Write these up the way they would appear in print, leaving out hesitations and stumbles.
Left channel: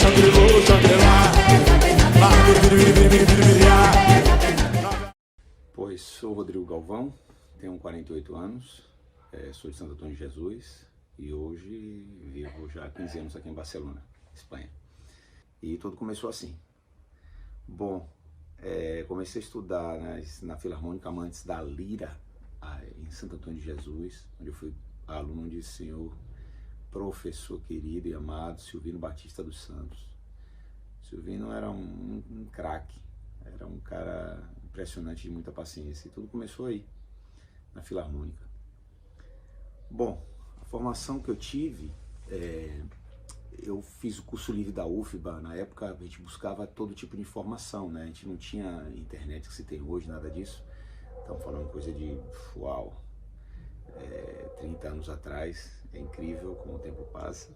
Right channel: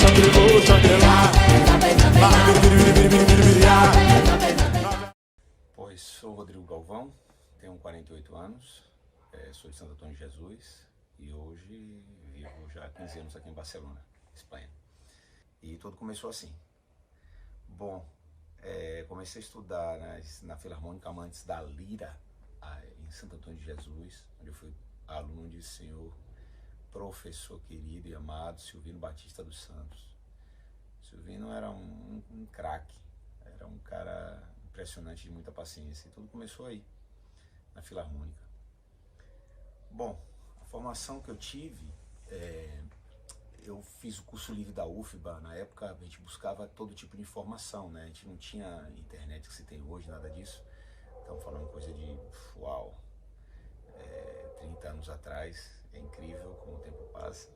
Shangri-La, Shangri-La. Pois sou Rodrigo Galvão, tenho 48 anos, sou de Santo Antônio de Jesus e hoje vivo já há 15 anos aqui em Barcelona, Espanha. E tudo começou assim. Bom, comecei a estudar na Filarmônica Amantes da Lira, em Santo Antônio de Jesus, onde eu fui aluno de senhor professor querido e amado Silvino Batista dos Santos. Silvino era um craque, era um cara impressionante, de muita paciência, e tudo começou aí, na Filarmônica. Bom, a formação que eu tive, eu fiz o curso livre da UFBA. Na época a gente buscava todo tipo de informação, né? A gente não tinha internet que se tem hoje, nada disso. Estamos falando coisa de, 30 anos atrás. É incrível como o tempo passa.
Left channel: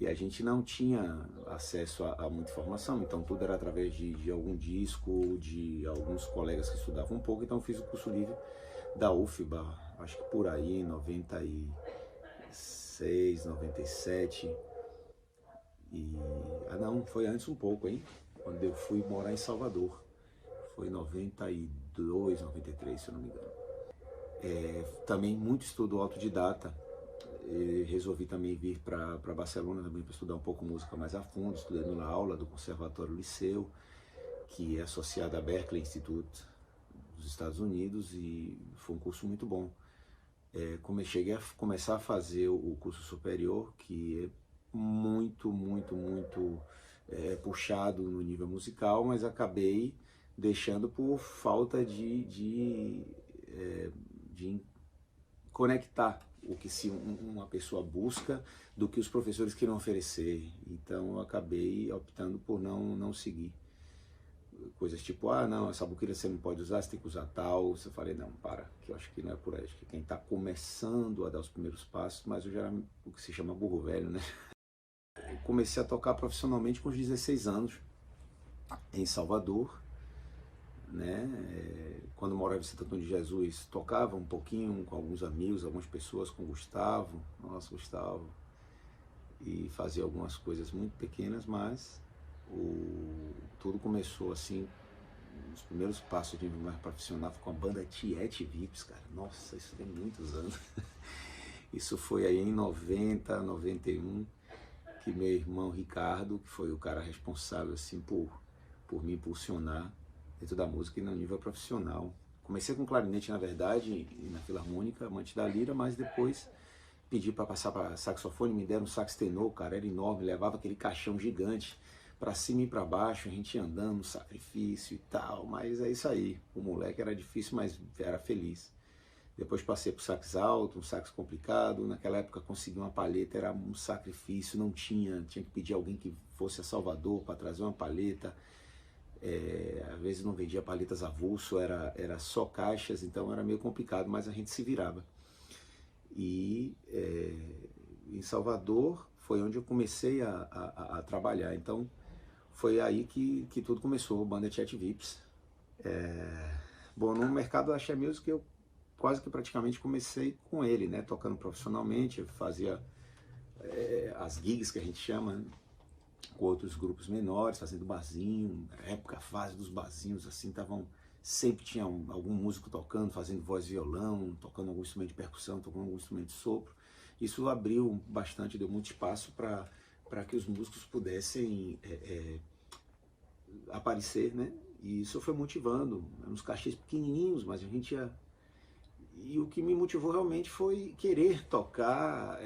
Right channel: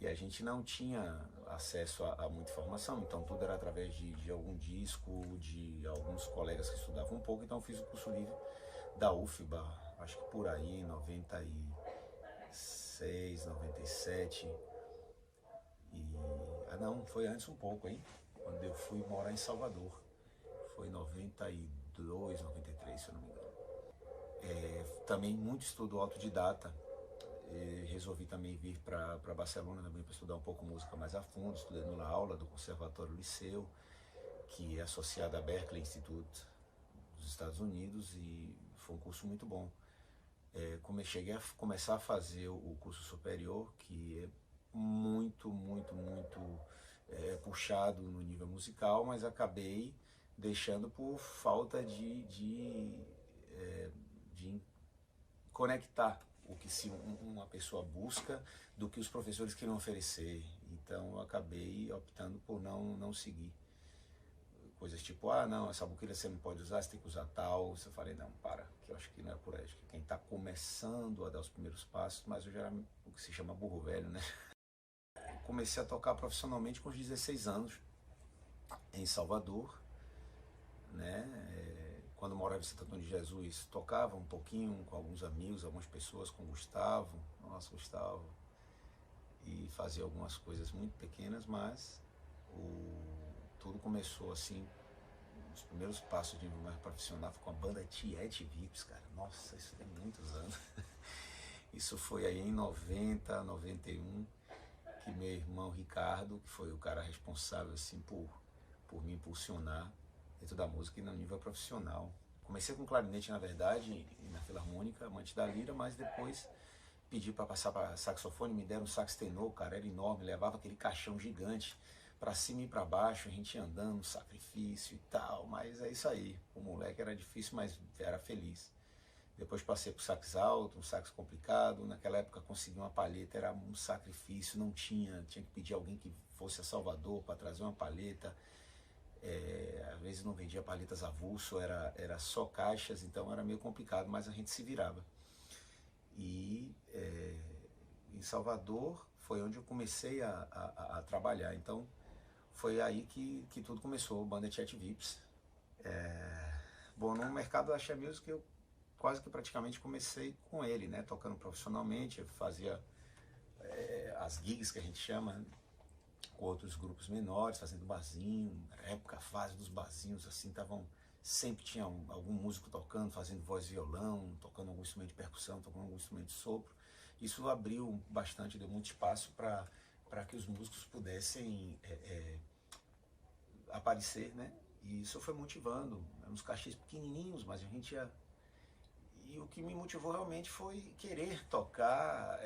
E a gente não tinha acesso a muita informação, então tudo era através de algum disco, de alguns colegas que estudavam um pouco. Então eu fiz o curso livre da UFBA, acho que por aí, em 96, 97. Não, foi antes um pouco, hein? Quando eu fui morar em Salvador. Foi 92, 93, se eu não me engano. Também muito estudo autodidata. Resolvi também vir para Barcelona também para estudar um pouco música mais a fundo. Estudei na aula do Conservatório Liceu, que é associado à Berklee Institute dos Estados Unidos, e foi um curso muito bom. Cheguei a começar a fazer o curso superior, que é muito puxado no nível musical, mas acabei deixando por falta de conectar o que uma pessoa busca do que os professores queriam oferecer. Então eu acabei optando por não seguir. Coisas tipo, não, essa buqueira você não pode usar, você tem que usar tal. Eu falei, não, que eu acho que não é por aí. Acho que quem está começando a dar os primeiros passos, mas eu já era o que se chama burro velho, né? Eu comecei a tocar profissionalmente com os 16 anos, em Salvador, né? Quando eu morava em Santo Antônio de Jesus, tocava um pouquinho com alguns amigos, algumas pessoas, com o Gustavo, nosso Gustavo, e fazia algumas coisas muito pequenas, mas tudo começou assim. Os primeiros passos de nível mais profissional foi com a banda Tiete Vips, cara. Nossa, isso tem muitos anos. Isso foi aí em 90, 91, que meu irmão Ricardo, que foi o cara responsável assim por me impulsionar dentro da música e no nível profissional. Comecei com clarinete, na verdade, na Filarmônica Amantes da Lira, mas depois pedi para passar para saxofone, me deram um sax tenor, cara, era enorme, levava aquele caixão gigante para cima e para baixo, a gente ia andando, sacrifício e tal, mas é isso aí. O moleque era difícil, mas era feliz. Depois passei pro sax alto, um sax complicado. Naquela época consegui uma palheta, era um sacrifício, não tinha que pedir alguém que fosse a Salvador para trazer uma palheta. Às vezes não vendia palhetas avulso, era só caixas, então era meio complicado, mas a gente se virava. E em Salvador foi onde eu comecei a trabalhar, então foi aí que tudo começou, banda Tiete Vips. Bom, no mercado da Axé Music eu quase que praticamente comecei com ele, né, tocando profissionalmente. Eu fazia as gigs que a gente chama, né, com outros grupos menores, fazendo barzinho. Na época, a fase dos barzinhos, assim, sempre tinha algum músico tocando, fazendo voz e violão, tocando algum instrumento de percussão, tocando algum instrumento de sopro. Isso abriu bastante, deu muito espaço para que os músicos pudessem aparecer, né? E isso foi motivando, uns cachês pequenininhos, mas a gente ia... E o que me motivou realmente foi querer tocar,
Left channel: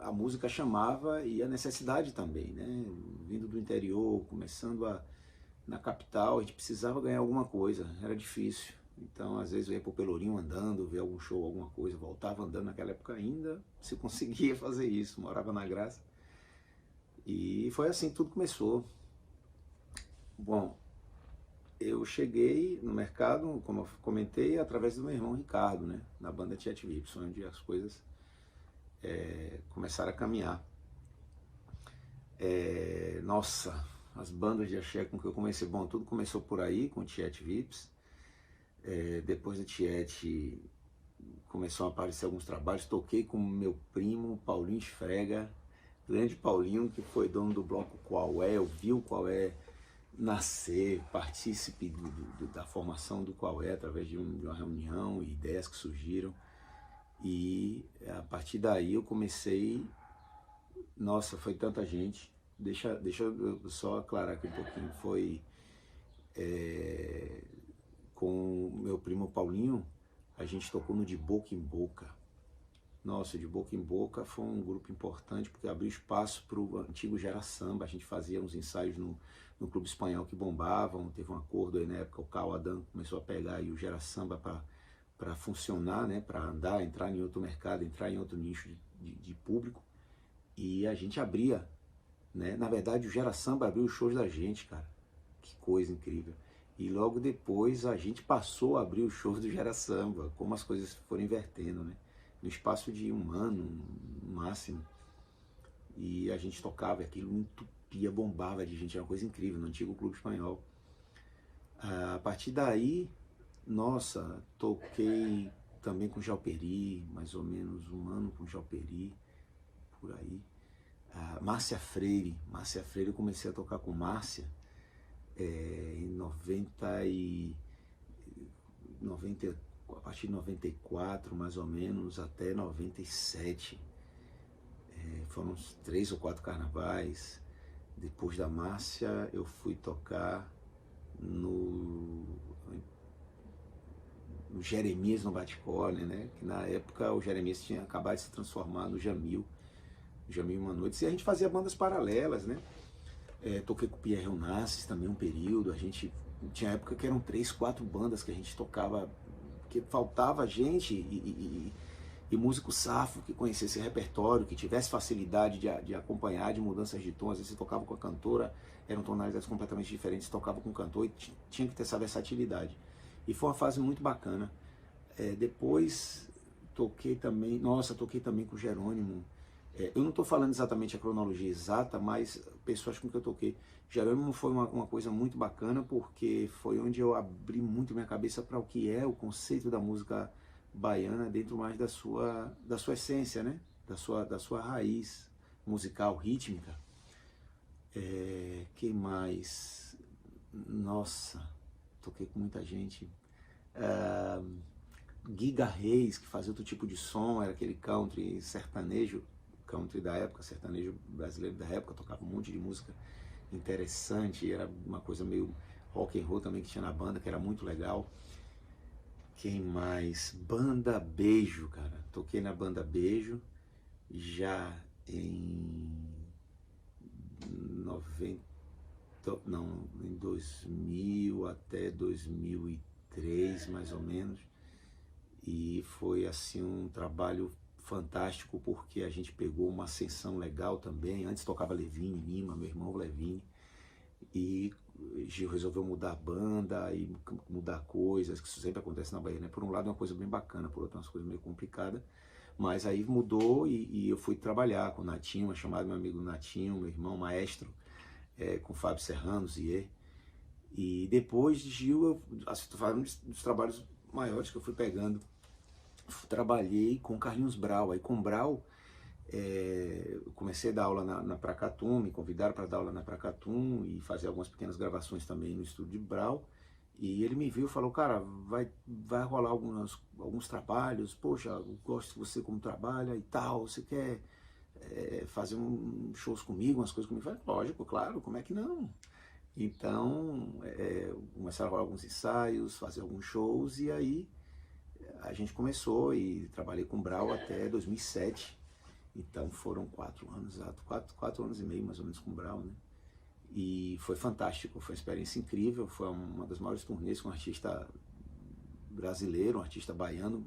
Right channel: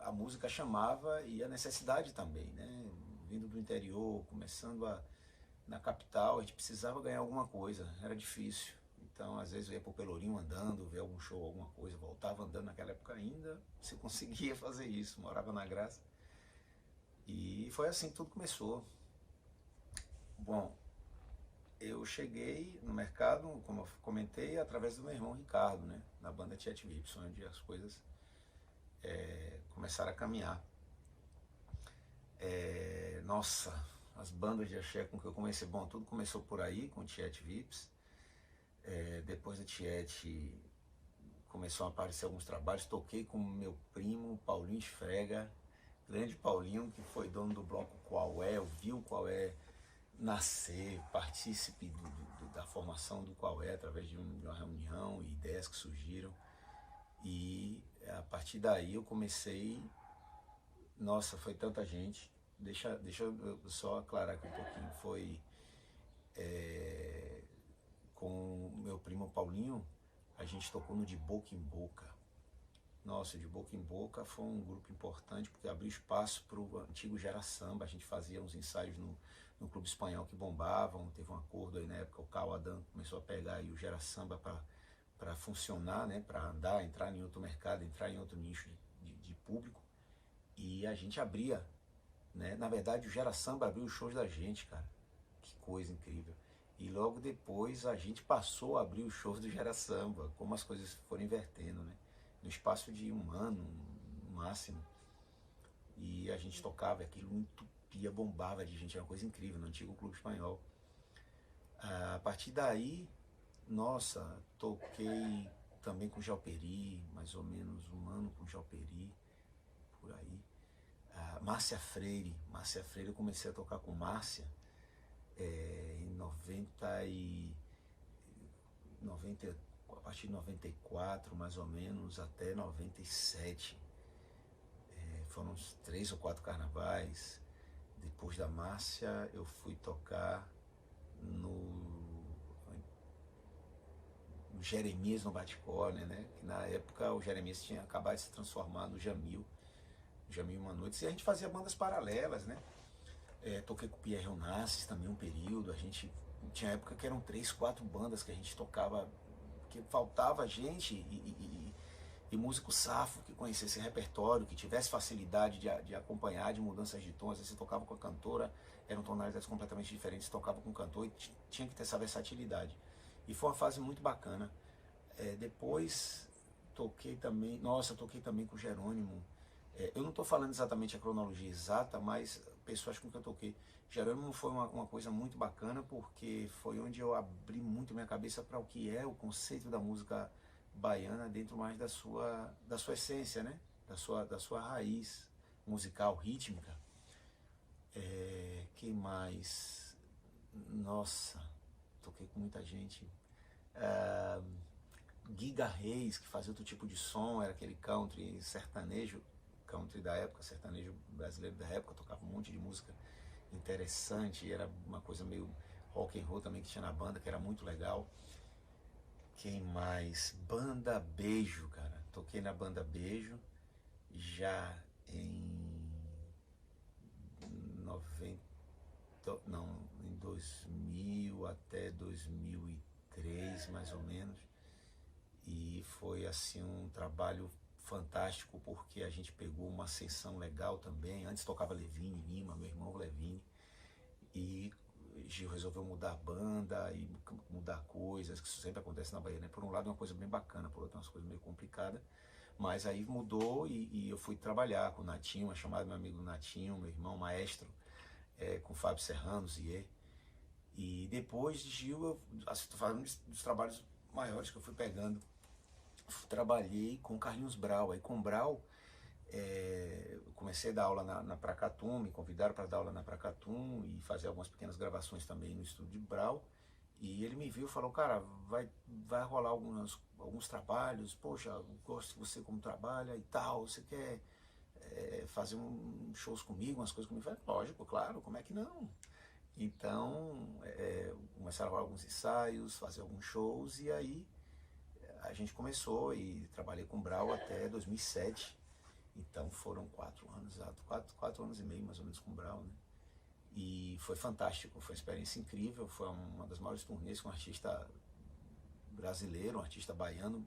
a música chamava, e a necessidade também, né? Vindo do interior, começando na capital, a gente precisava ganhar alguma coisa, era difícil. Então, às vezes eu ia pro Pelourinho andando, ver algum show, alguma coisa, voltava andando. Naquela época ainda se conseguia fazer isso, morava na Graça. E foi assim que tudo começou. Bom, eu cheguei no mercado, como eu comentei, através do meu irmão Ricardo, né, na banda Tiete Vips, onde as coisas começaram a caminhar. Nossa, as bandas de axé com que eu comecei, bom, tudo começou por aí, com Tiete Vips. Depois do Tiete começou a aparecer alguns trabalhos, toquei com meu primo Paulinho Esfrega grande Paulinho, que foi dono do bloco Qual É, ouviu o Qual É nascer, partícipe da formação do Qual É, através de uma reunião e ideias que surgiram. E a partir daí eu comecei, nossa, foi tanta gente. Deixa eu só aclarar aqui um pouquinho. Foi com o meu primo Paulinho, a gente tocou no De Boca em Boca. Nossa, De Boca em Boca foi um grupo importante porque abriu espaço para o antigo Gera Samba. A gente fazia uns ensaios no Clube Espanhol que bombavam. Teve um acordo aí na época, o Cal Adam começou a pegar aí o Gera Samba para funcionar, né, para andar, entrar em outro mercado, entrar em outro nicho de público. E a gente abria, né? Na verdade, o Gera Samba abriu os shows da gente, cara. Que coisa incrível. E logo depois a gente passou a abrir os shows do Gera Samba, como as coisas foram invertendo, né? No espaço de um ano, no máximo. E a gente tocava, aquilo entupia, bombava de gente, era uma coisa incrível, no antigo Clube Espanhol. A partir daí, nossa, toquei também com Jalperi, mais ou menos um ano com Jalperi, por aí. Márcia Freire eu comecei a tocar com Márcia em 90, a partir de 94 mais ou menos até 97. Foram uns 3 ou 4 carnavais. Depois da Márcia eu fui tocar no Jeremias no Bate-Corner, né? Que na época o Jeremias tinha acabado de se transformar no Jamil Uma Noite, e a gente fazia bandas paralelas, né? Toquei com o Pierre Onassis também um período. A gente tinha época que eram 3, 4 bandas que a gente tocava, porque faltava gente e músico safo que conhecesse repertório, que tivesse facilidade de acompanhar, de mudanças de tom. Às vezes você tocava com a cantora, eram tonalidades completamente diferentes, tocava com o cantor e tinha que ter essa versatilidade. E foi uma fase muito bacana. Depois toquei também com o Jerônimo. Eu não estou falando exatamente a cronologia exata, mas pessoas com que eu toquei. Jerônimo foi uma coisa muito bacana, porque foi onde eu abri muito minha cabeça para o que é o conceito da música baiana dentro mais da sua essência, né? Da sua raiz musical, rítmica. Que mais? Nossa, toquei com muita gente. Guiga Reis, que fazia outro tipo de som, era aquele country sertanejo, country da época, sertanejo brasileiro da época, tocava um monte de música interessante, era uma coisa meio rock and roll também que tinha na banda, que era muito legal. Quem mais? Banda Beijo, cara. Toquei na Banda Beijo já em 2000 até 2003, mais ou menos. E foi assim um trabalho fantástico, porque a gente pegou uma ascensão legal também. Antes tocava Levine Lima, meu irmão Levine, e Gil resolveu mudar a banda e mudar coisas, que isso sempre acontece na Bahia, né? Por um lado é uma coisa bem bacana, por outro é uma coisa meio complicada, mas aí mudou e eu fui trabalhar com o Natinho, chamado meu amigo Natinho, meu irmão maestro, com o Fábio Serrano, Zier. E depois de Gil, estou falando dos trabalhos maiores que eu fui pegando. Trabalhei com Carlinhos Brau. Aí com Brau, eu comecei a dar aula na Pracatum, me convidaram para dar aula na Pracatum e fazer algumas pequenas gravações também no estúdio de Brau. E ele me viu e falou, cara, vai rolar alguns trabalhos, poxa, eu gosto de você como trabalha e tal, você quer fazer shows comigo, umas coisas comigo? Eu falei, lógico, claro, como é que não? Então, começaram a rolar alguns ensaios, fazer alguns shows, e aí a gente começou e trabalhei com o Brau até 2007. Então foram 4 anos, 4 anos e meio mais ou menos com o Brau, né? E foi fantástico, foi uma experiência incrível, foi uma das maiores turnês que um artista brasileiro, um artista baiano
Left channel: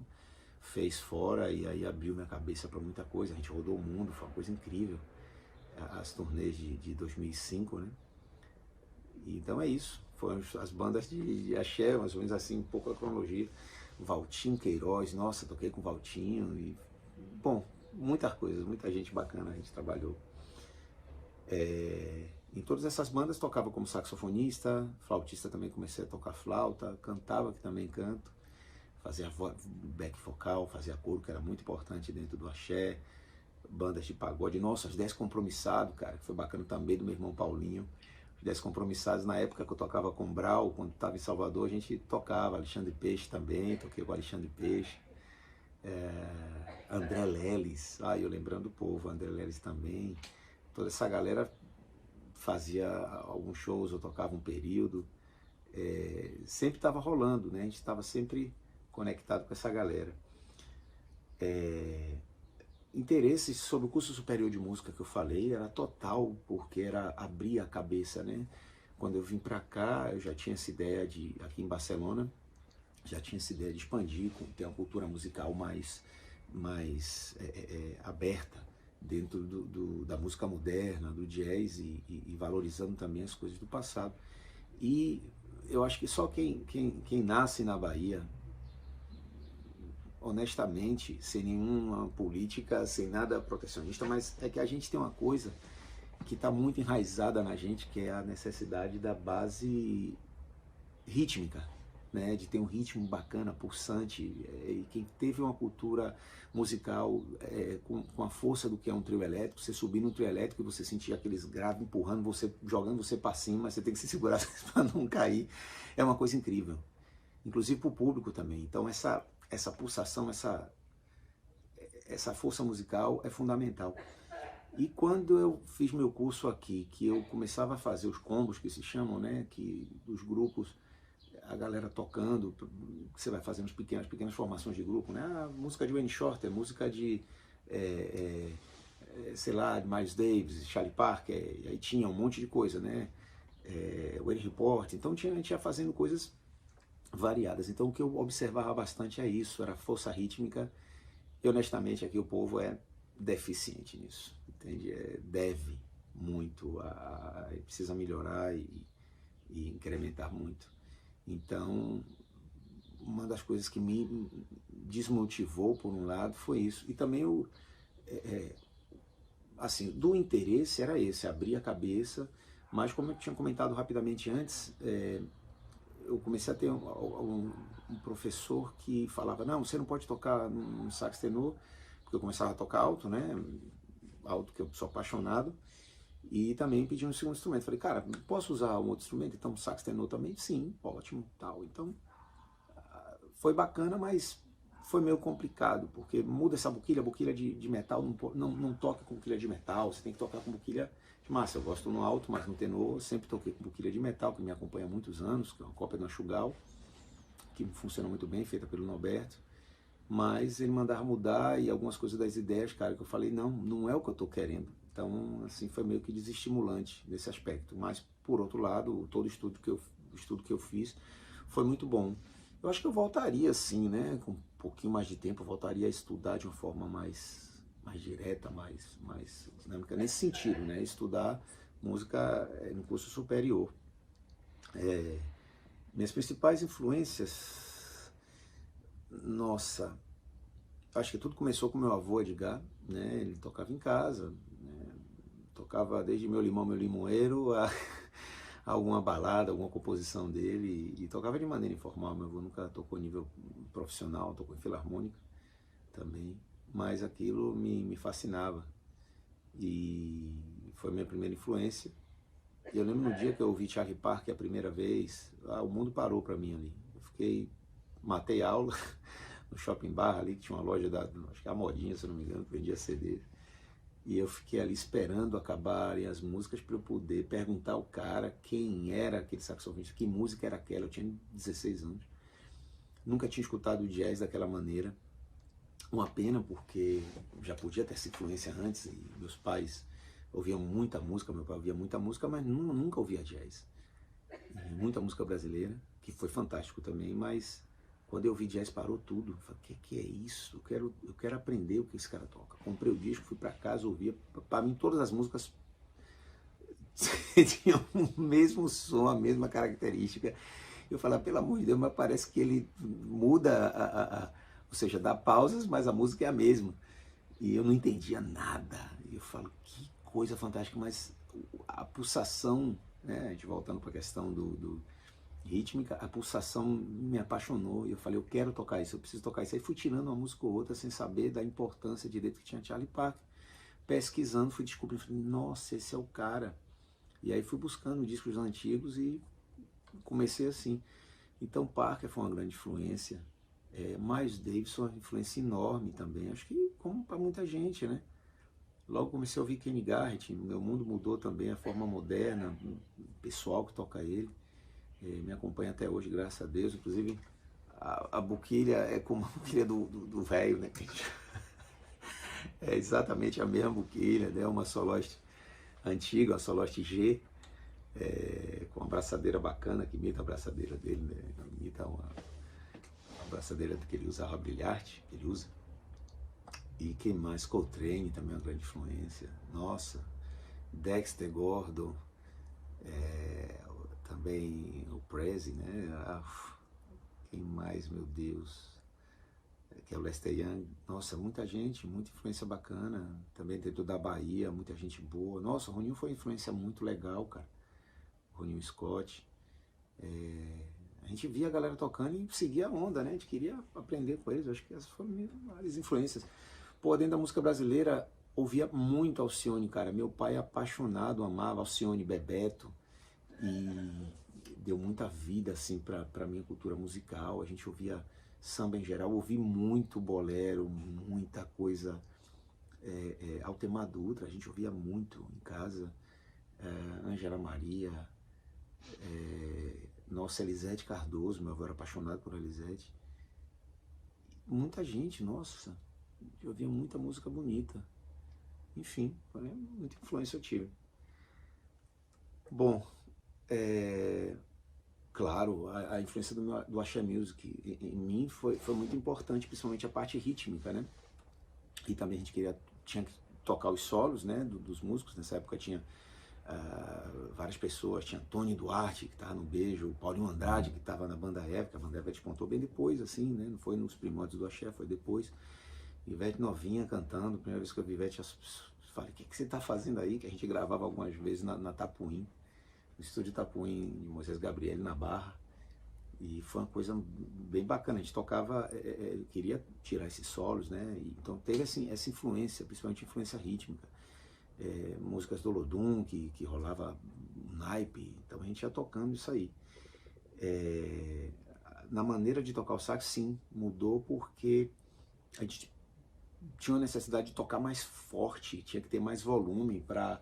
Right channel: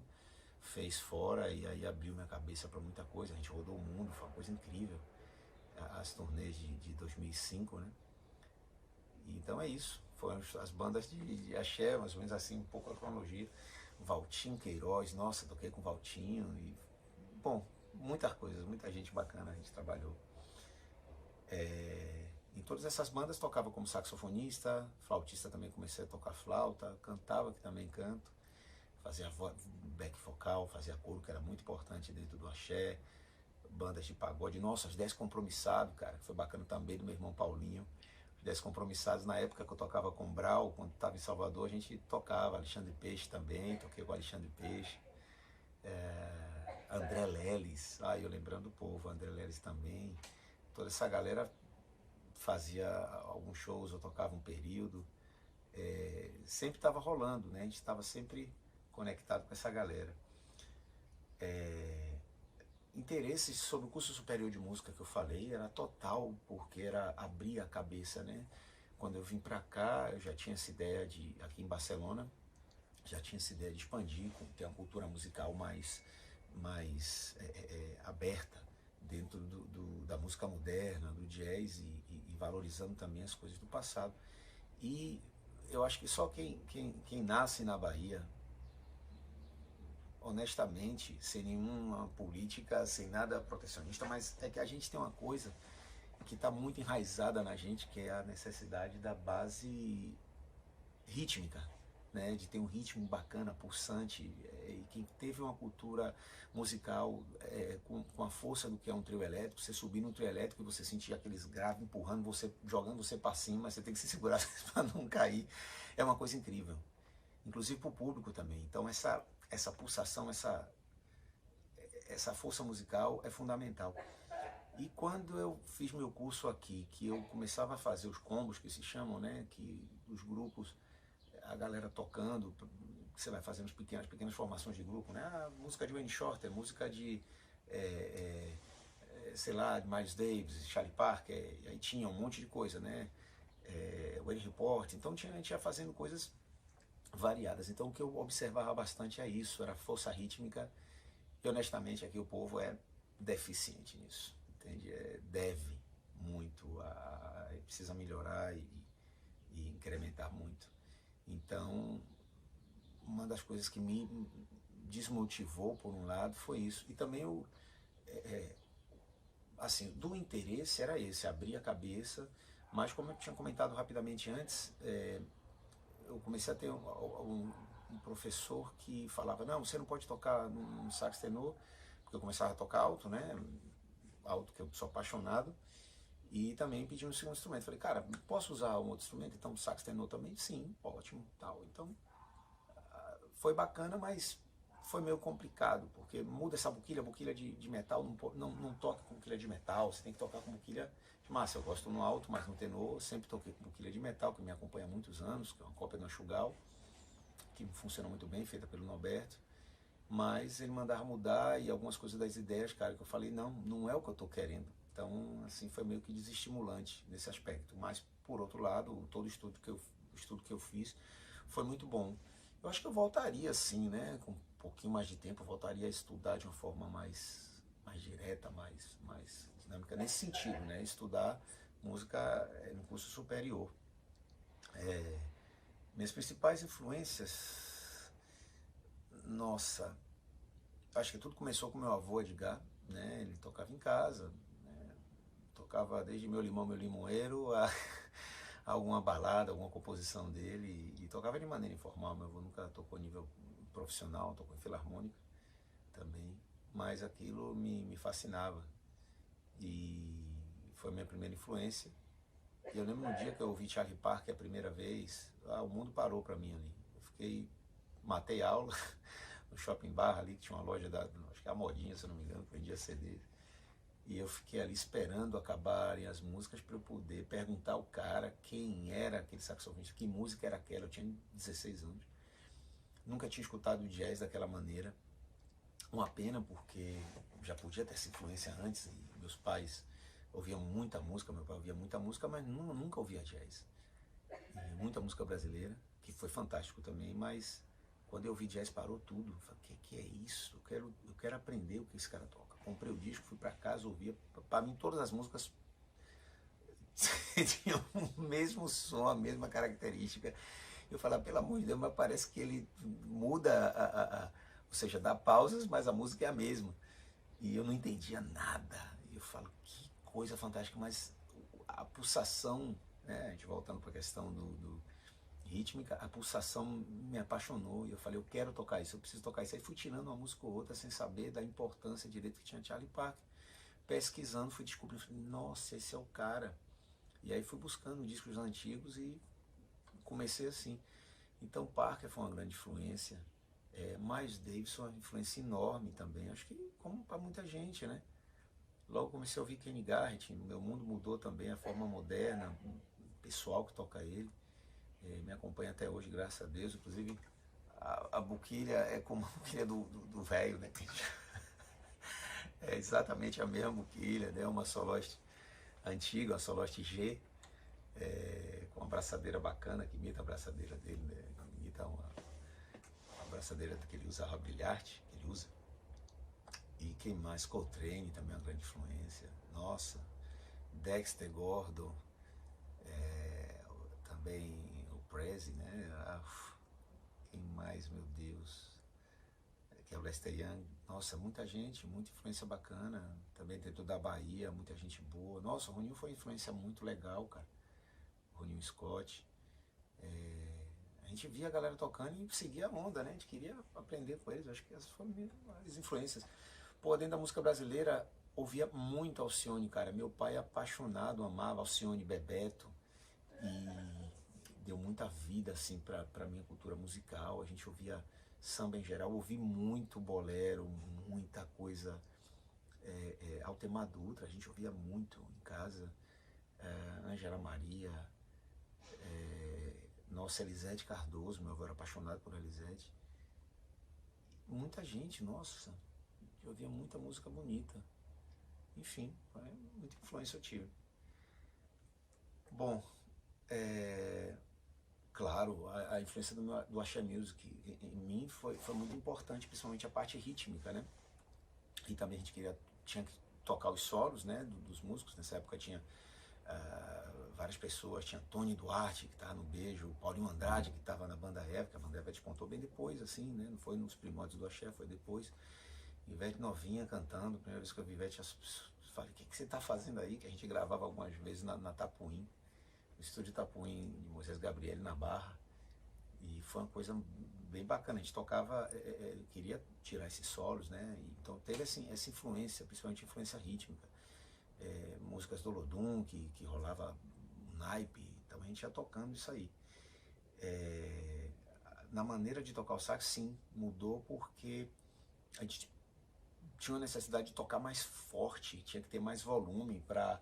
fez fora, e aí abriu minha cabeça para muita coisa. A gente rodou o mundo, foi uma coisa incrível, as turnês de 2005, né? Então é isso, foram as bandas de axé, mais ou menos assim, um pouco a cronologia. Valtinho Queiroz, nossa, toquei com o Valtinho, e bom, muitas coisas, muita gente bacana a gente trabalhou. Em todas essas bandas tocava como saxofonista, flautista também, comecei a tocar flauta, cantava, que também canto, fazia back vocal, fazia coro, que era muito importante dentro do axé, bandas de pagode. Nossa, os 10 Compromissados, cara, que foi bacana também, do meu irmão Paulinho. Os 10 Compromissados, na época que eu tocava com o Brau, quando estava em Salvador, a gente tocava. Alexandre Peixe também, toquei com o Alexandre Peixe. André Leles, eu lembrando o povo, André Leles também. Toda essa galera fazia alguns shows, eu tocava um período. Sempre estava rolando, né? A gente estava sempre conectado com essa galera. Interesses sobre o curso superior de música que eu falei era total, porque era abrir a cabeça, né? Quando eu vim para cá, eu já tinha essa ideia aqui em Barcelona, já tinha essa ideia de expandir, ter uma cultura musical mais aberta dentro da música moderna, do jazz e valorizando também as coisas do passado. E eu acho que só quem nasce na Bahia, honestamente, sem nenhuma política, sem nada protecionista, mas é que a gente tem uma coisa que está muito enraizada na gente, que é a necessidade da base rítmica, né? De ter um ritmo bacana, pulsante, e quem teve uma cultura musical com a força do que é um trio elétrico, você subir no trio elétrico e você sentir aqueles graves empurrando você, jogando você para cima, você tem que se segurar para não cair, é uma coisa incrível, inclusive para o público também. Então essa pulsação, essa força musical é fundamental. E quando eu fiz meu curso aqui, que eu começava a fazer os combos que se chamam, né, que dos grupos, a galera tocando, você vai fazendo as pequenas formações de grupo, né, música de Wayne Shorter, música de, sei lá, de Miles Davis, Charlie Parker, aí tinha um monte de coisa, né, Wayne Report, então a gente ia fazendo coisas variadas. Então o que eu observava bastante é isso, era força rítmica, e honestamente aqui o povo é deficiente nisso, entende? Deve muito, precisa melhorar e incrementar muito. Então uma das coisas que me desmotivou por um lado foi isso, e também assim, do interesse era esse, abrir a cabeça, mas como eu tinha comentado rapidamente antes, eu comecei a ter um professor que falava, não, você não pode tocar no sax tenor, porque eu começava a tocar alto, né, alto, que eu sou apaixonado, e também pedi um segundo instrumento. Falei, cara, posso usar um outro instrumento? Então, sax tenor também? Sim, ótimo, tal. Então, foi bacana, mas foi meio complicado, porque muda essa boquilha de metal, não toca com boquilha de metal, você tem que tocar com boquilha de massa. Eu gosto no alto, mas no tenor sempre toquei com boquilha de metal, que me acompanha há muitos anos, que é uma cópia da Chugal, que funciona muito bem, feita pelo Norberto. Mas ele mandava mudar e algumas coisas das ideias, cara, que eu falei, não é o que eu tô querendo. Então, assim, foi meio que desestimulante nesse aspecto. Mas, por outro lado, todo o estudo que eu fiz foi muito bom. Eu acho que eu voltaria, sim, né? Com um pouquinho mais de tempo, eu voltaria a estudar de uma forma mais direta, mais dinâmica, nesse sentido, né? Estudar música no curso superior. Minhas principais influências, nossa, acho que tudo começou com meu avô Edgar, né? Ele tocava em casa, né? Tocava desde Meu Limão, Meu Limoeiro a alguma balada, alguma composição dele, e tocava de maneira informal. Meu avô nunca tocou nível profissional, tocou em filarmônica também, mas aquilo me fascinava e foi minha primeira influência. E eu lembro no dia que eu ouvi Charlie Parker a primeira vez, o mundo parou para mim ali. Eu matei aula no Shopping Barra ali, que tinha uma loja acho que é a Modinha, se não me engano, que vendia CD. E eu fiquei ali esperando acabarem as músicas para eu poder perguntar ao cara quem era aquele saxofonista, que música era aquela. Eu tinha 16 anos. Nunca tinha escutado jazz daquela maneira. Uma pena, porque já podia ter essa influência antes, e meus pais ouviam muita música, meu pai ouvia muita música, mas nunca ouvia jazz. E muita música brasileira, que foi fantástico também, mas quando eu ouvi jazz parou tudo. Eu falei, que é isso? Eu quero aprender o que esse cara toca. Comprei o disco, fui para casa, ouvia. Para mim todas as músicas tinham o mesmo som, a mesma característica. Eu falava, pelo amor de Deus, mas parece que ele muda, ou seja, dá pausas, mas a música é a mesma. E eu não entendia nada. E eu falo, que coisa fantástica, mas a pulsação, né, a gente voltando para a questão do rítmica, a pulsação me apaixonou, e eu falei, eu quero tocar isso, eu preciso tocar isso. Aí fui tirando uma música ou outra sem saber da importância direito que tinha Charlie Parker. pesquisando, fui descobrindo, falei, nossa, esse é o cara. E aí fui buscando discos antigos e comecei assim. Então Parker foi uma grande influência. Miles Davis foi uma influência enorme também. Acho que como para muita gente, né? Logo comecei a ouvir Kenny Garrett, meu mundo mudou também, a forma moderna, o pessoal que toca ele. Me acompanha até hoje, graças a Deus. Inclusive, a boquilha é como a boquilha do velho, né? É exatamente a mesma boquilha, né? Uma Soloist antiga, uma Soloist G, com uma abraçadeira bacana, que imita a abraçadeira dele, né? Imita uma abraçadeira que ele usava, brilhante, que ele usa. E quem mais? Coltrane também é uma grande influência. Nossa, Dexter Gordon, também o Prezi, né? Quem mais, meu Deus? Que é o Lester Young. Nossa, muita gente, muita influência bacana. Também dentro da Bahia, muita gente boa. Nossa, o Roninho foi uma influência muito legal, cara. O Roninho Scott. A gente via a galera tocando e seguia a onda, né? A gente queria aprender com eles. Acho que essas foram várias influências. Pô, dentro da música brasileira, ouvia muito Alcione, cara. Meu pai apaixonado, amava Alcione, Bebeto. E deu muita vida, assim, pra minha cultura musical. A gente ouvia samba em geral, ouvi muito bolero, muita coisa. Altemar Dutra, a gente ouvia muito em casa. Ângela Maria. Nossa, Elisete Cardoso, meu avô era apaixonado por Elisete. Muita gente, nossa, eu ouvia muita música bonita. Enfim, muita influência eu tive. Bom, claro, a influência do Axé Music em mim foi muito importante, principalmente a parte rítmica, né? E também a gente tinha que tocar os solos, né, dos músicos. Nessa época tinha várias pessoas, tinha Tony Duarte, que estava no Beijo, o Paulinho Andrade, que estava na Banda Eva, que a Banda Eva despontou bem depois, assim, né? Não foi nos primórdios do Axé, foi depois. Ivete novinha cantando, primeira vez que eu vi Ivete, eu falei, o que você está fazendo aí? Que a gente gravava algumas vezes na Tapuim, no estúdio Tapuim de Moisés Gabriel, na Barra. E foi uma coisa bem bacana, a gente tocava, queria tirar esses solos, né? Então teve assim, essa influência, principalmente influência rítmica. Músicas do Olodum, que rolava um naipe, então a gente ia tocando isso aí. Na maneira de tocar o sax, sim, mudou porque a gente tinha uma necessidade de tocar mais forte, tinha que ter mais volume para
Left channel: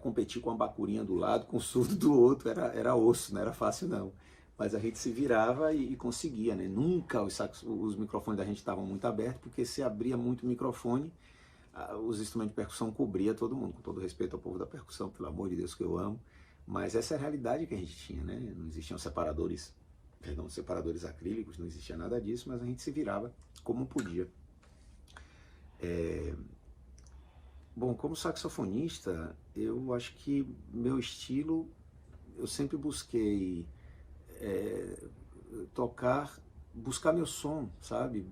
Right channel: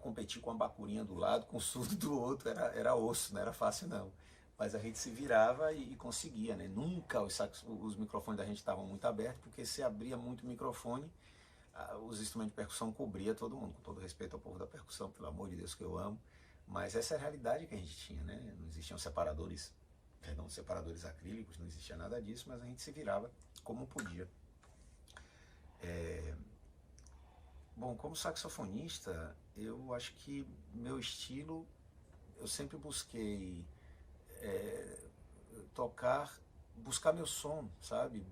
competir com a bacurinha do lado, com o surdo do outro, era osso, não era fácil não. Mas a gente se virava e conseguia, né? Nunca os microfones da gente estavam muito abertos, porque se abria muito o microfone, os instrumentos de percussão cobria todo mundo, com todo respeito ao povo da percussão, pelo amor de Deus que eu amo, mas essa é a realidade que a gente tinha, né? Não existiam separadores acrílicos, não existia nada disso, mas a gente se virava como podia. Bom, como saxofonista, eu acho que meu estilo, eu sempre busquei buscar meu som, sabe?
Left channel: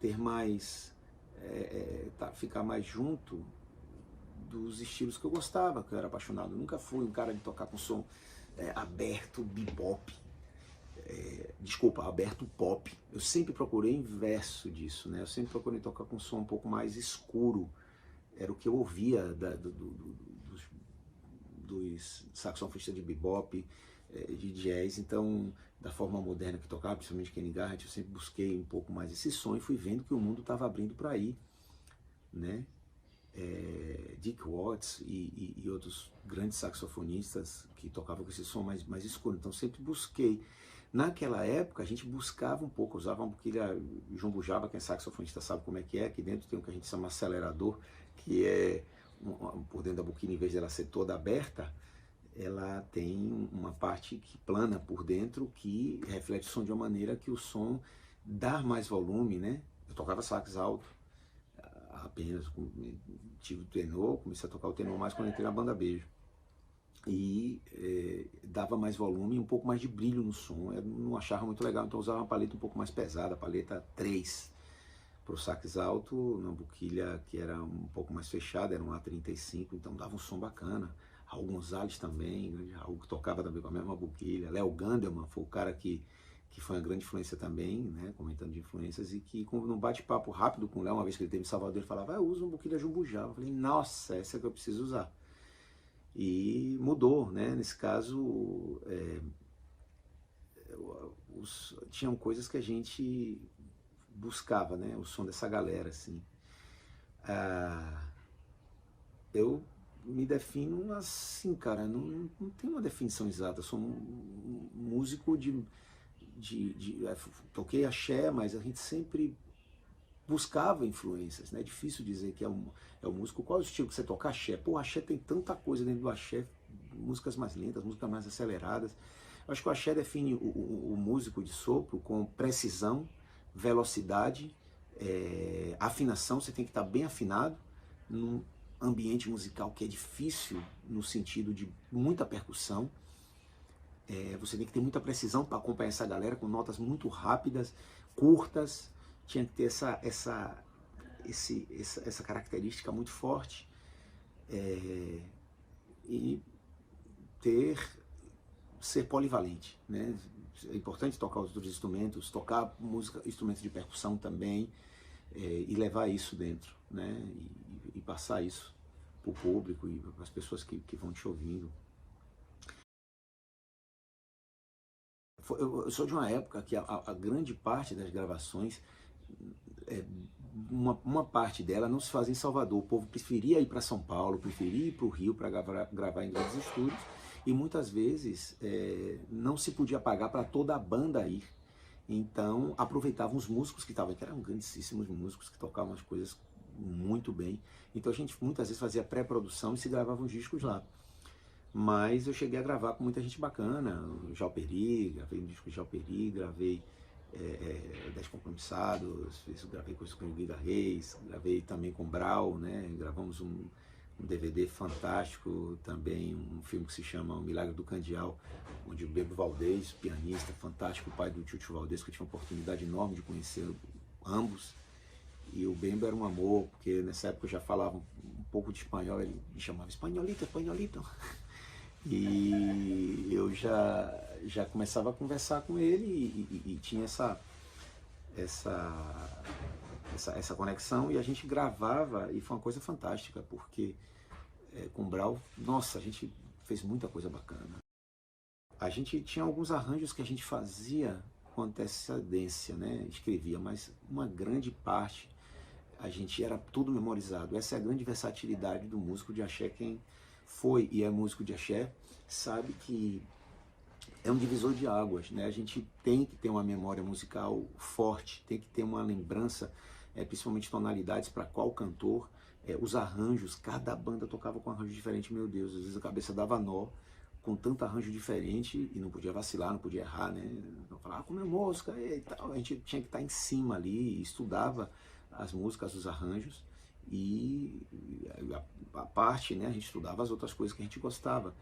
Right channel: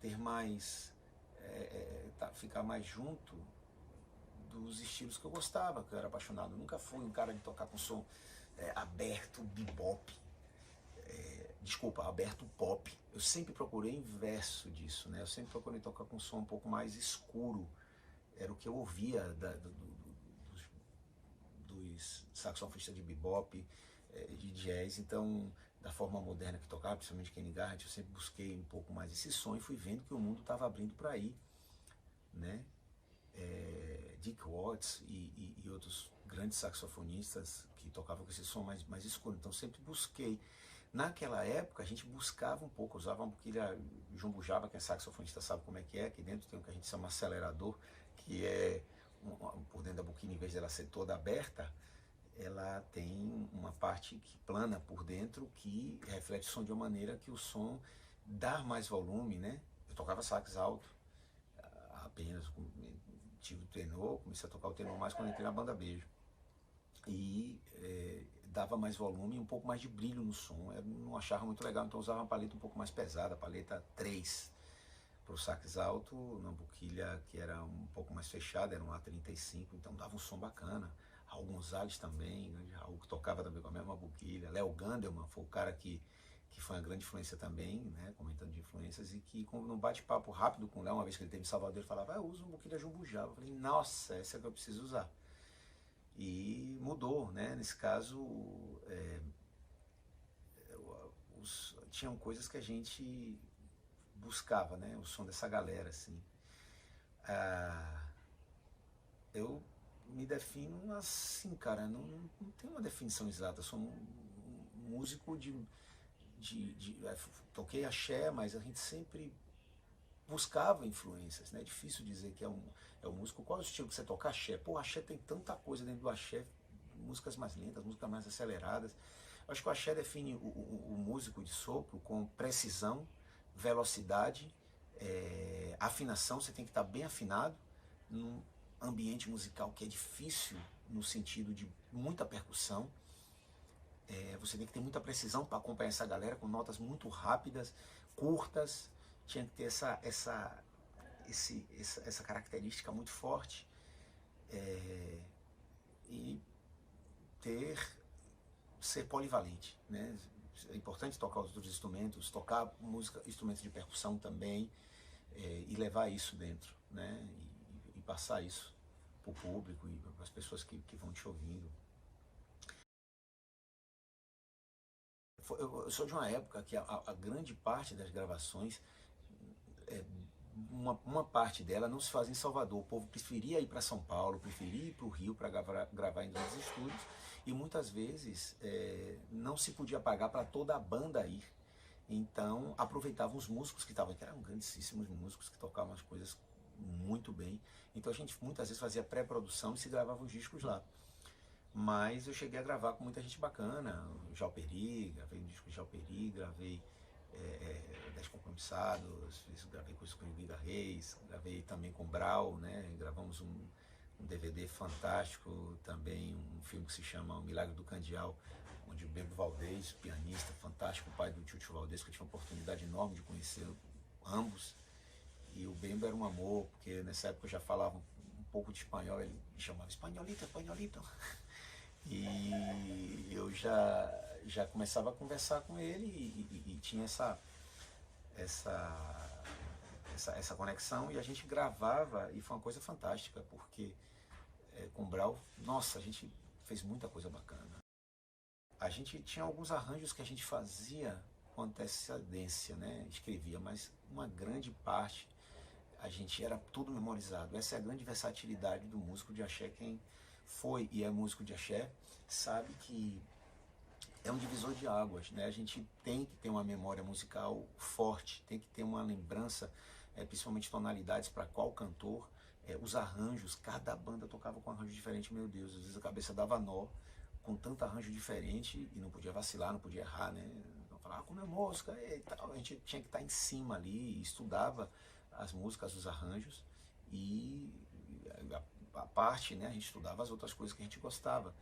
Ter mais, ficar mais junto dos estilos que eu gostava, que eu era apaixonado. Eu nunca fui um cara de tocar com som aberto, bebop, aberto pop. Eu sempre procurei inverso disso, né? Eu sempre procurei tocar com som um pouco mais escuro. Era o que eu ouvia dos saxofonistas de bebop, de jazz. Então, da forma moderna que tocava, principalmente Kenny Garrett, eu sempre busquei um pouco mais esse som e fui vendo que o mundo estava abrindo para aí, né? Dick Watts e outros grandes saxofonistas que tocavam com esse som mais escuro. Então, sempre busquei. Naquela época, a gente buscava um pouco, usava uma boquilha jumbo jaba, quem é saxofonista sabe como é, que dentro tem o que a gente chama acelerador, que é por dentro da boquilha, em vez de ela ser toda aberta, ela tem uma parte que plana por dentro, que reflete o som de uma maneira que o som dá mais volume, né? Eu tocava sax alto, apenas tive o tenor, comecei a tocar o tenor mais quando entrei na Banda Beijo. E dava mais volume e um pouco mais de brilho no som. Eu não achava muito legal, então eu usava uma paleta um pouco mais pesada, a paleta 3 para o sax alto, uma boquilha que era um pouco mais fechada, era um A35, então dava um som bacana. Raul Gonzalez também, Raul que tocava também com a mesma boquilha. Léo Gandelman foi o cara que que foi uma grande influência também, né, comentando de influências, e que num bate-papo rápido com o Léo, uma vez que ele teve em Salvador, ele falava, eu uso um pouquinho da Jumbo Java. Eu falei, nossa, essa é que eu preciso usar. E mudou, né, nesse caso, tinham coisas que a gente buscava, né, o som dessa galera, assim. Eu me defino assim, cara, não tem uma definição exata, eu sou um músico toquei axé, mas a gente sempre buscava influências, né? É difícil dizer que é um músico. Qual é o estilo que você toca? Axé. Pô, axé tem tanta coisa dentro do axé, músicas mais lentas, músicas mais aceleradas. Eu acho que o axé define o músico de sopro com precisão, velocidade, afinação. Você tem que estar bem afinado num ambiente musical que é difícil no sentido de muita percussão. Você tem que ter muita precisão para acompanhar essa galera com notas muito rápidas, curtas. Tinha que ter essa característica muito forte, e ser polivalente, né? É importante tocar os outros instrumentos, tocar música, instrumentos de percussão também, e levar isso dentro, né? E passar isso para o público e para as pessoas que vão te ouvindo. Eu sou de uma época que a grande parte das gravações, uma parte dela não se fazia em Salvador. O povo preferia ir para São Paulo, preferia ir para o Rio para gravar em grandes estúdios, e muitas vezes não se podia pagar para toda a banda ir. Então aproveitavam os músicos que estavam, que eram grandíssimos músicos, que tocavam as coisas muito bem. Então a gente muitas vezes fazia pré-produção e se gravava os discos lá. Mas eu cheguei a gravar com muita gente bacana, o Jalperi, gravei um disco de Jalperi, gravei 10 Compromissados, gravei coisas com o Guida Reis, gravei também com Brau, né? Gravamos um DVD fantástico também, um filme que se chama O Milagre do Candial, onde o Bebo Valdez, pianista fantástico, pai do Tio Valdez, que eu tive uma oportunidade enorme de conhecer ambos. E o Bemba era um amor, porque nessa época eu já falava um pouco de espanhol, ele me chamava espanholito, espanholito. E eu já começava a conversar com ele e tinha essa conexão, e a gente gravava, e foi uma coisa fantástica, porque com o Brau, nossa, a gente fez muita coisa bacana. A gente tinha alguns arranjos que a gente fazia com antecedência, né? Escrevia, mas uma grande parte a gente era tudo memorizado. Essa é a grande versatilidade do músico de axé. Quem foi e é músico de axé sabe que é um divisor de águas, né? A gente tem que ter uma memória musical forte, tem que ter uma lembrança, principalmente tonalidades para qual cantor, os arranjos. Cada banda tocava com um arranjo diferente, meu Deus, às vezes a cabeça dava nó com tanto arranjo diferente e não podia vacilar, não podia errar, né? Então falava, como é música e tal. A gente tinha que estar em cima ali, estudava as músicas, os arranjos, e a parte, né, a gente estudava as outras coisas que a gente gostava,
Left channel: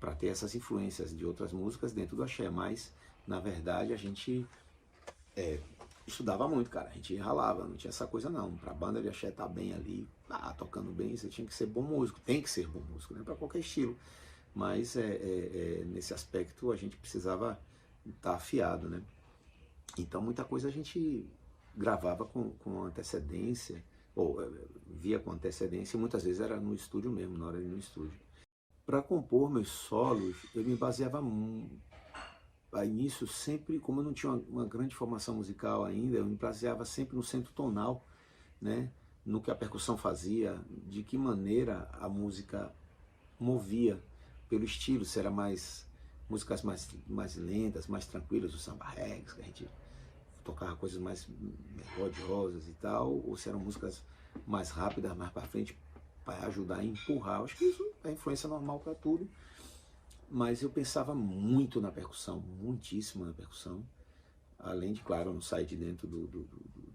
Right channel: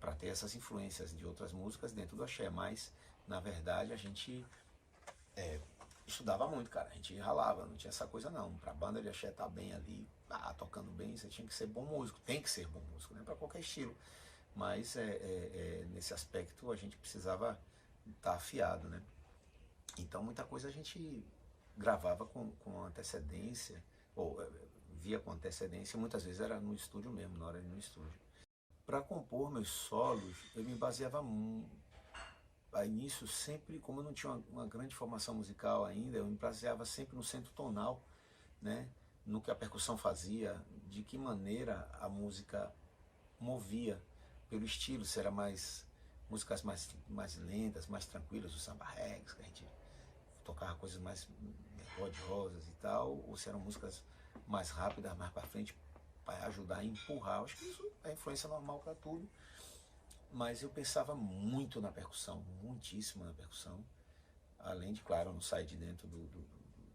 para ter essas influências de outras músicas dentro do axé. Mas, na verdade, a gente estudava muito, cara. A gente ralava, não tinha essa coisa não. Pra banda de axé estar bem ali, tocando bem, você tinha que ser bom músico. Tem que ser bom músico, né, para qualquer estilo. Mas nesse aspecto a gente precisava estar afiado, né? Então muita coisa a gente gravava com antecedência, ou via com antecedência, e muitas vezes era no estúdio mesmo, na hora de ir no estúdio. Para compor meus solos, eu me baseava nisso sempre, como eu não tinha uma grande formação musical ainda, eu me baseava sempre no centro tonal, né? No que a percussão fazia, de que maneira a música movia pelo estilo, se era músicas mais lentas, mais tranquilas, o samba reggae, que a gente tocava coisas mais melodiosas e tal, ou se eram músicas mais rápidas, mais para frente, para ajudar a empurrar. Acho que isso é influência normal para tudo, mas eu pensava muito na percussão, muitíssimo na percussão, além de, claro, não sair de dentro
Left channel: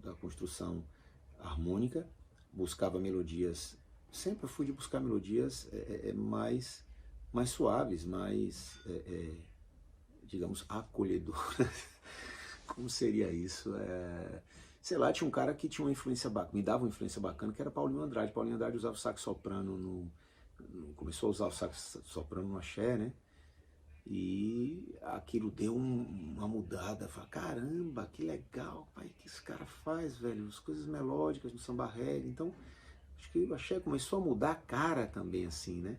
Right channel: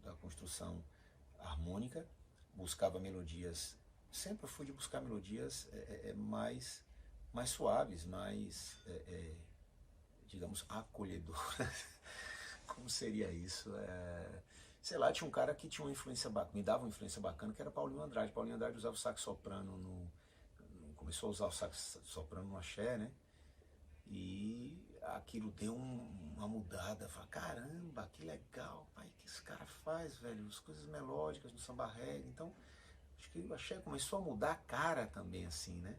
da construção harmônica, buscava melodias, sempre fui de buscar melodias mais suaves, mais, digamos, acolhedoras. Como seria isso? Sei lá, tinha um cara que tinha uma influência bacana, me dava uma influência bacana, que era Paulinho Andrade. Paulinho Andrade usava o sax soprano, começou a usar o sax soprano no axé, né? E aquilo deu uma mudada. Falei, caramba, que legal, pai, que esse cara faz, velho, as coisas melódicas no samba reggae. Então, acho que o axé começou a mudar a cara também, assim, né?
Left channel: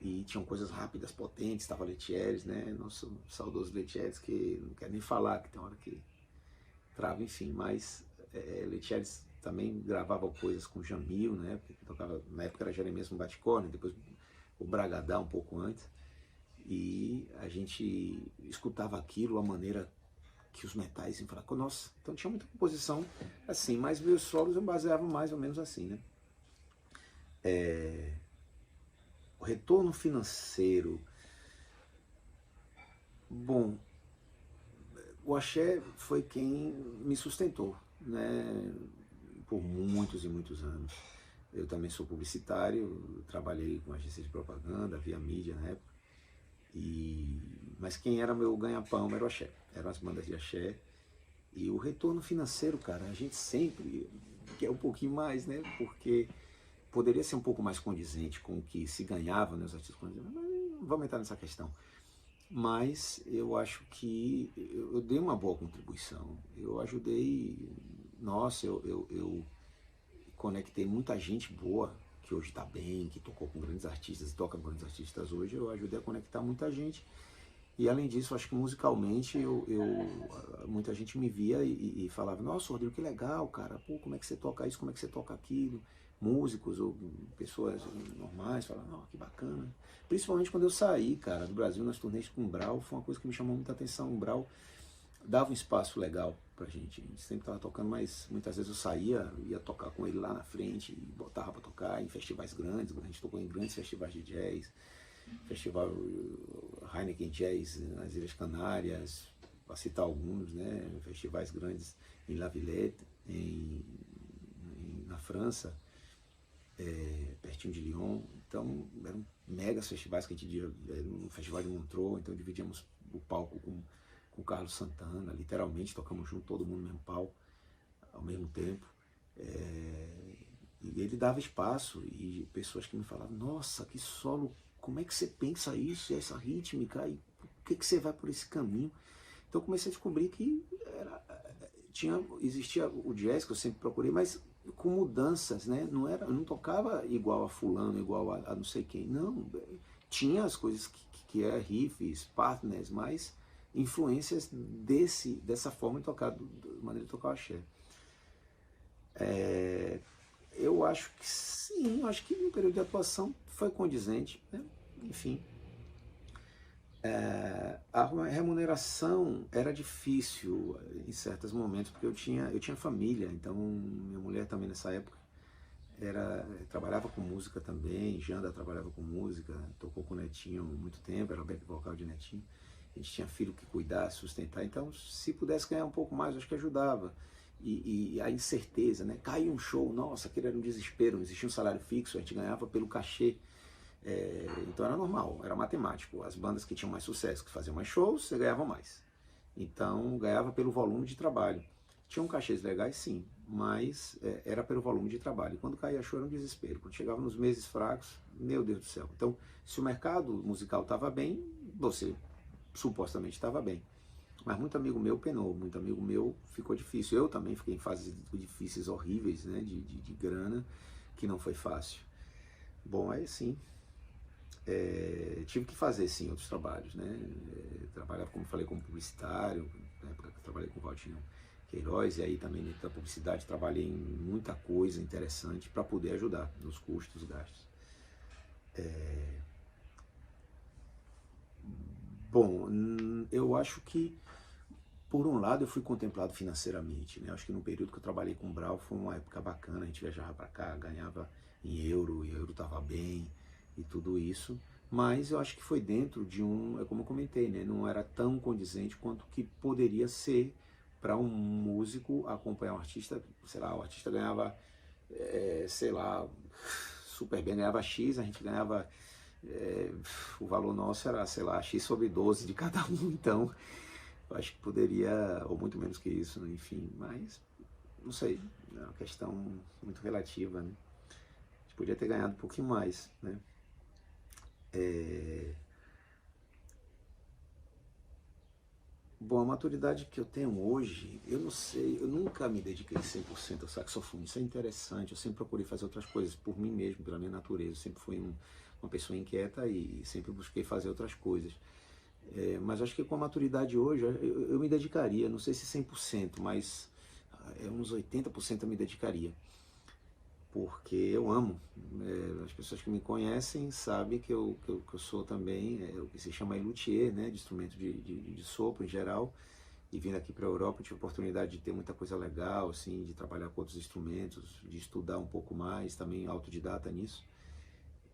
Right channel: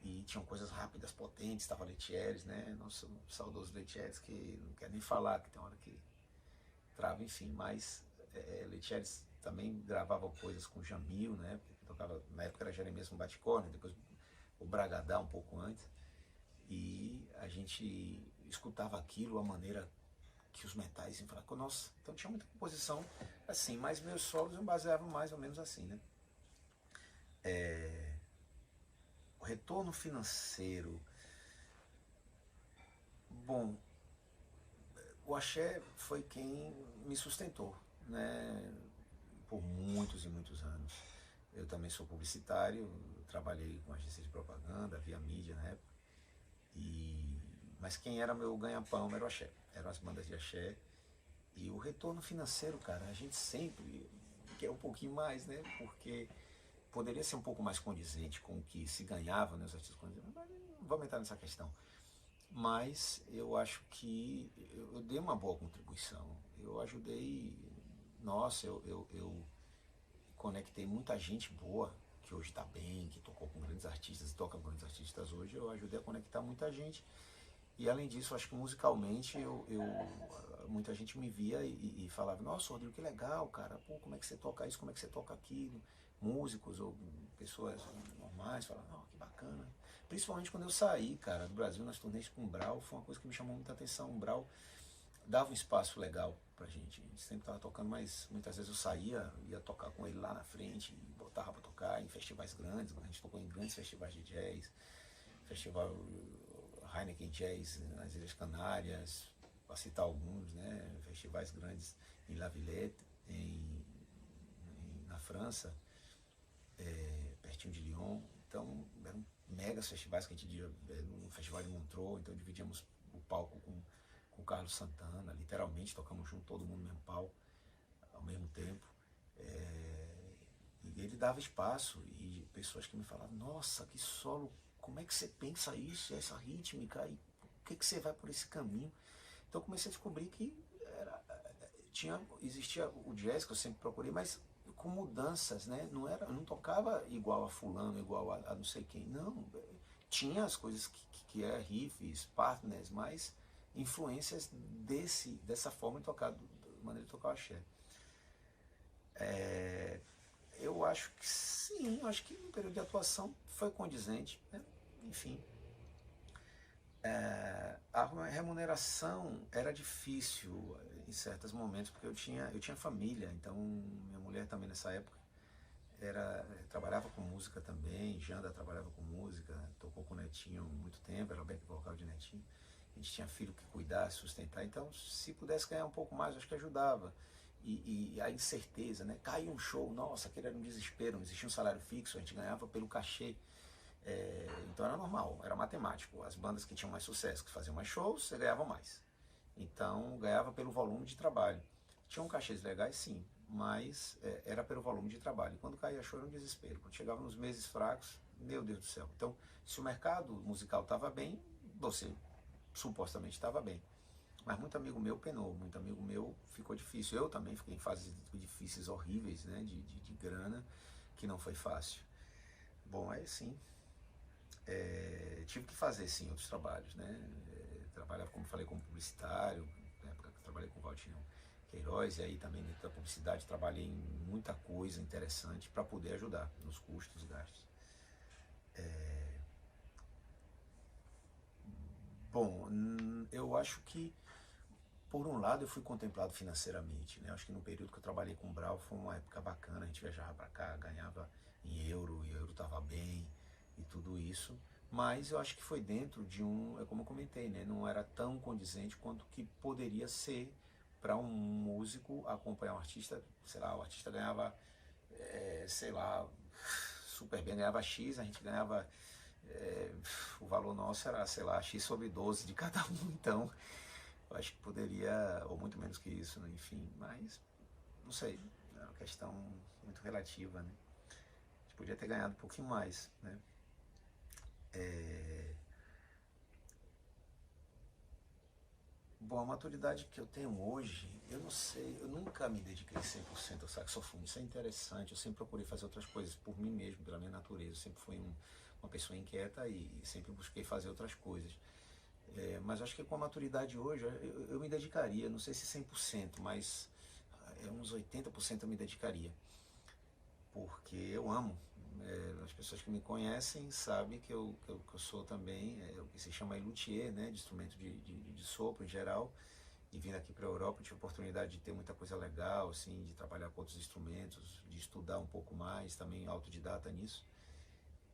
E tinham coisas rápidas, potentes, estava Letieres, né? Nosso saudoso Letieres, que não quero nem falar, que tem hora que trava, enfim, mas Letieres também gravava coisas com Jamil, né? Porque tocava, na época era Jeremias no Bate-Corne, depois o Bragadá um pouco antes, e a gente escutava aquilo, a maneira que os metais iam falar com nossa, então tinha muita composição assim, mas meus solos eu baseava mais ou menos assim, né? O retorno financeiro, bom, o axé foi quem me sustentou, né? Por muitos e muitos anos. Eu também sou publicitário, trabalhei com agência de propaganda, via mídia na época. Mas quem era meu ganha-pão era o axé, eram as bandas de axé. E o retorno financeiro, cara, a gente sempre quer um pouquinho mais, né? Porque poderia ser um pouco mais condizente com o que se ganhava, né, os artistas, mas não vamos entrar nessa questão. Mas eu acho que eu dei uma boa contribuição. Eu ajudei, nossa, eu conectei muita gente boa, que hoje está bem, que tocou com grandes artistas e toca com grandes artistas hoje. Eu ajudei a conectar muita gente. E além disso, acho que musicalmente, muita gente me via e falava, nossa, Rodrigo, que legal, cara, pô, como é que você toca isso, como é que você toca aquilo? Músicos ou pessoas normais falavam, oh, que bacana. Principalmente quando eu saí, cara, do Brasil, nas turnês com o Brau, foi uma coisa que me chamou muita atenção. O Brau dava um espaço legal pra gente. A gente sempre estava tocando, mas muitas vezes eu saía, ia tocar com ele lá na frente, e botava pra tocar em festivais grandes. A gente tocou em grandes festivais de jazz, festival Heineken Jazz nas Ilhas Canárias, para citar alguns, né? Festivais grandes em La Villette, na França, pertinho de Lyon. Então eram megas festivais que a gente ia no Festival de Montreux, então dividíamos o palco com o Carlos Santana, literalmente tocamos junto, todo mundo no mesmo palco, ao mesmo tempo. E ele dava espaço, e pessoas que me falavam, nossa, que solo, como é que você pensa isso, essa rítmica, e por que você vai por esse caminho? Então eu comecei a descobrir que existia o jazz, que eu sempre procurei, mas com mudanças, né? Eu não tocava igual a fulano, igual a não sei quem, não. Tinha as coisas que é riffs, partners, mas influências dessa forma de tocar, da maneira de tocar o axé. Eu acho que sim, acho que no período de atuação foi condizente, né? Enfim. A remuneração era difícil em certos momentos, porque eu tinha família, então minha mulher também nessa época trabalhava com música também, Janda trabalhava com música, tocou com o Netinho há muito tempo, era back vocal de Netinho, a gente tinha filho que cuidar, sustentar, então se pudesse ganhar um pouco mais, acho que ajudava. E a incerteza, né? Caiu um show, nossa, aquele era um desespero, não existia um salário fixo, a gente ganhava pelo cachê. Então era normal, era matemático. As bandas que tinham mais sucesso, que faziam mais shows, você ganhava mais. Então ganhava pelo volume de trabalho. Tinham cachês legais, sim, mas era pelo volume de trabalho. E quando caía show era um desespero. Quando chegava nos meses fracos, meu Deus do céu. Então, se o mercado musical estava bem, você supostamente estava bem. Mas muito amigo meu penou, muito amigo meu ficou difícil. Eu também fiquei em fases difíceis, horríveis, né, de grana, que não foi fácil. Bom, aí sim, tive que fazer sim outros trabalhos, né? Trabalhava, como falei, como publicitário, na época que eu trabalhei com o Valtinho Queiroz, e aí também dentro da publicidade trabalhei em muita coisa interessante para poder ajudar nos custos, gastos. Bom, eu acho que por um lado eu fui contemplado financeiramente, né? Acho que no período que eu trabalhei com o Brau foi uma época bacana, a gente viajava para cá, ganhava em euro, e o euro estava bem e tudo isso, mas eu acho que foi dentro de é como eu comentei, né? Não era tão condizente quanto que poderia ser para um músico acompanhar um artista, sei lá, o artista ganhava, sei lá, super bem, ganhava X, a gente ganhava, o valor nosso era, sei lá, X sobre 12 de cada um, então eu acho que poderia, ou muito menos que isso, né? Enfim, mas não sei, é uma questão muito relativa, né? A gente podia ter ganhado um pouquinho mais, né? Bom, a maturidade que eu tenho hoje, eu não sei, eu nunca me dediquei 100% ao saxofone. Isso é interessante, eu sempre procurei fazer outras coisas por mim mesmo, pela minha natureza. Eu sempre fui uma pessoa inquieta e sempre busquei fazer outras coisas. Mas acho que com a maturidade hoje, eu me dedicaria, não sei se 100%, mas uns 80% eu me dedicaria. Porque eu amo. As pessoas que me conhecem sabem que eu sou também o que se chama luthier, né, de instrumento de sopro em geral. E vindo aqui para a Europa, eu tive a oportunidade de ter muita coisa legal, assim, de trabalhar com outros instrumentos, de estudar um pouco mais, também autodidata nisso.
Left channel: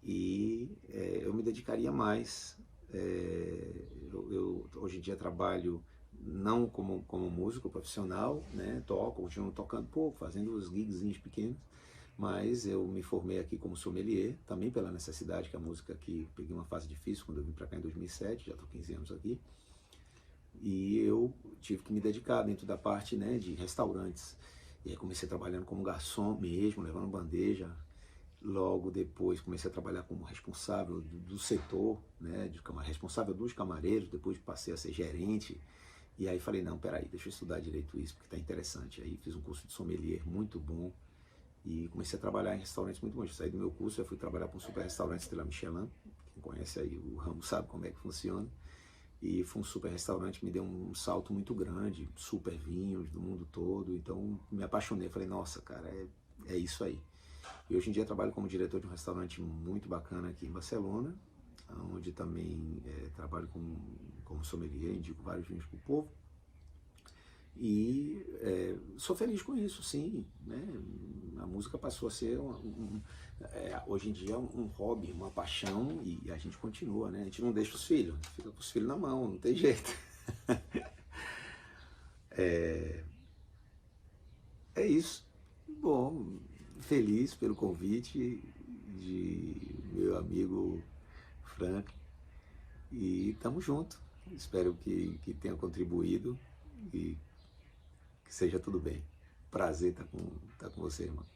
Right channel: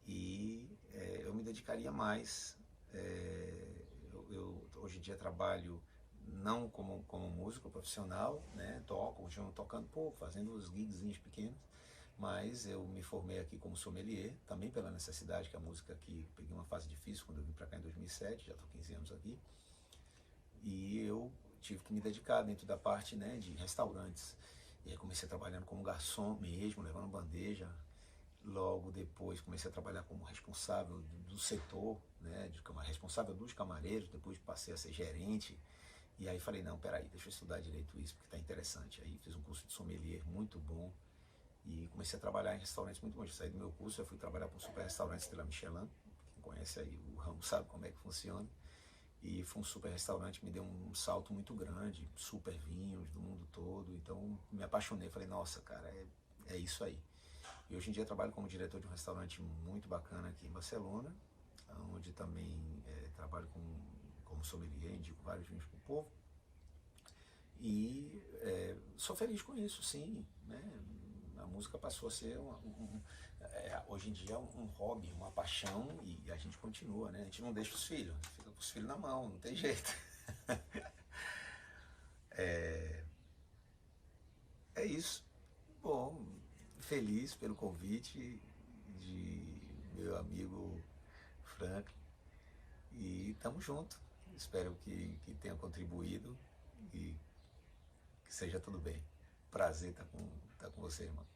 E eu me dedicaria mais. Eu hoje em dia trabalho não como músico profissional, né? Continuo tocando pouco, fazendo os gigzinhos pequenos, mas eu me formei aqui como sommelier, também pela necessidade que a música aqui, peguei uma fase difícil quando eu vim para cá em 2007, já estou 15 anos aqui, e eu tive que me dedicar dentro da parte, né, de restaurantes. E aí comecei trabalhando como garçom mesmo, levando bandeja. Logo depois comecei a trabalhar como responsável do setor, né, responsável dos camareiros, depois passei a ser gerente. E aí falei, não, peraí, deixa eu estudar direito isso, porque está interessante. Aí fiz um curso de sommelier muito bom e comecei a trabalhar em restaurantes muito bons. Eu saí do meu curso, eu fui trabalhar para um super restaurante Estrela Michelin. Quem conhece aí o ramo sabe como é que funciona. E foi um super restaurante, me deu um salto muito grande, super vinhos do mundo todo. Então me apaixonei, falei, nossa, cara, é isso aí. E hoje em dia trabalho como diretor de um restaurante muito bacana aqui em Barcelona, onde também trabalho como sommelier, indico vários vinhos para o povo. E sou feliz com isso, sim. Né? A música passou a ser, hoje em dia, um hobby, uma paixão, e a gente continua, né? A gente não deixa os filhos, fica com os filhos na mão, não tem jeito. É isso. Bom, feliz pelo convite de meu amigo Frank. E tamo junto. Espero que tenha contribuído e que seja tudo bem. Prazer estar com você, irmão.